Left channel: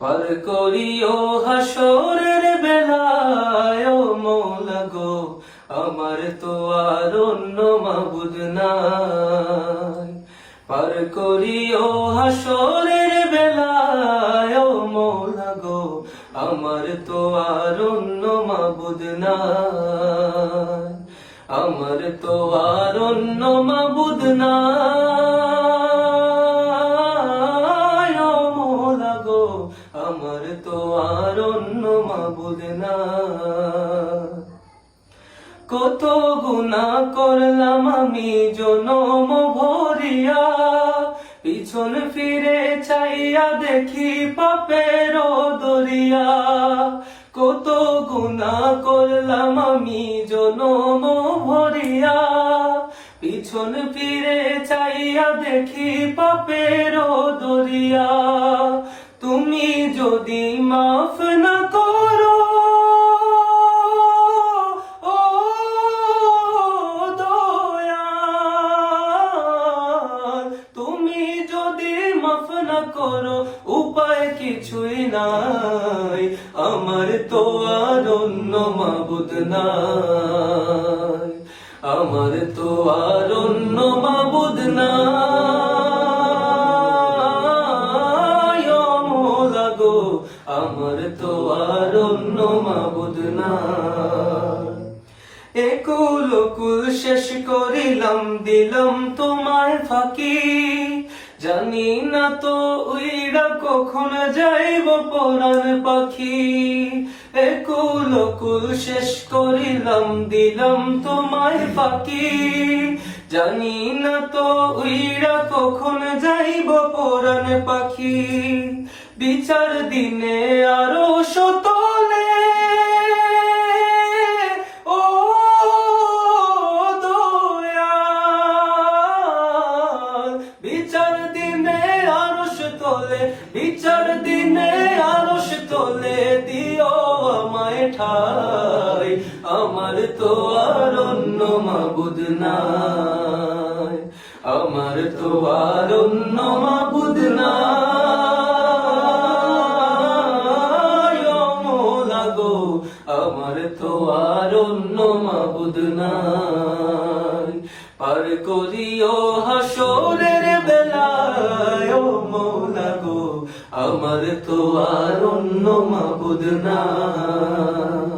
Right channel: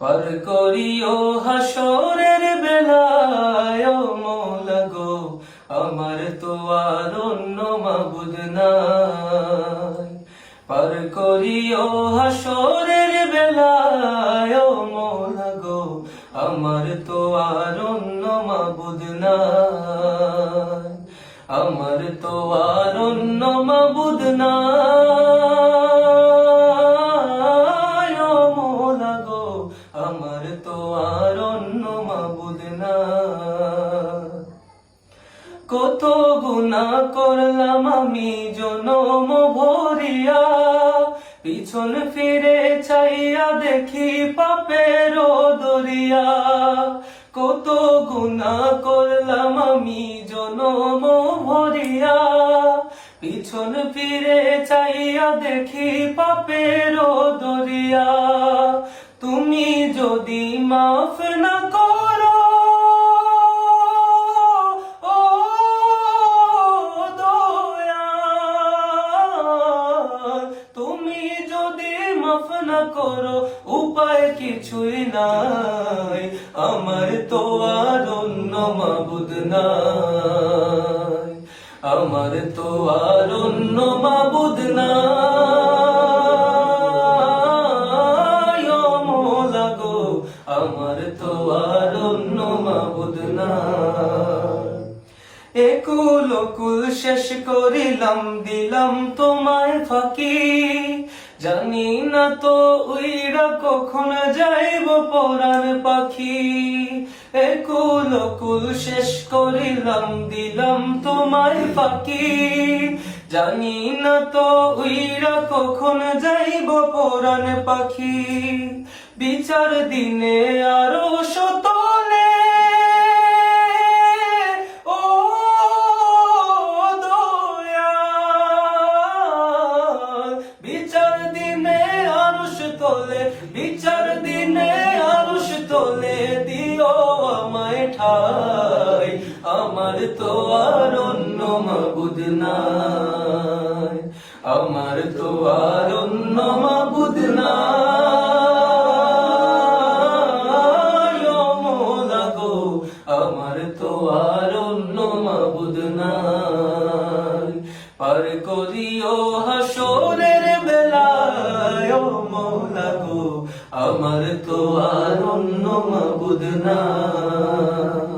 পার করিও হাসরের বেলায়, ও মৌলা গো, আমার তো আর অন্য মাবুদ নাই। পার করিও হাসরের বেলায়, ও মৌলা গো, আমার তো আর অন্য মাবুদ নাই। আমার তো আর অন্য মাবুদ নাই। মাবুদ নাই কত গুণা করলাম আমি জনম ভরিয়া, পিছন ফিরে চাইয়া দেখি পাপের দরিয়া। কত গুণা করলাম আমি জনম ভরিয়া, পিছন ফিরে চাইয়া দেখি পাপের দরিয়া। তুমি যদি মাফ না করো না করো, উপায় কিছুই নাই। আমার তো আর অন্য মাবুদ নাই। আমার তো আর অন্য মাবুদ নাই। ও মোলা গো, আমার তো আর অন্য মাবুদ নাই। একুল কুল শেষ করিলাম, দিলাম তোমায় ফাঁকি। জানি না তো উইরা কখন যাইব পরার পাখি। একুল কুল শেষ করিলাম, দিলাম তোমায় পাখি জানি না তো উইরা কখন যাইব পরাণ পাখি। বিচার দিনে আরও সতলে তোলে, বিচার দিনে আরশ তোলে, দিও আমায় ঠাই। আমার তো আর অন্য মাবুদ নাই। আমার তো আর অন্য মাবুদ নাই। মোলা আমার তো আর অন্য মাবুদ নাই। পার করিও হাসরের বেলায় মৌলা গো আমার তো আর অন্য মাবুদ নাই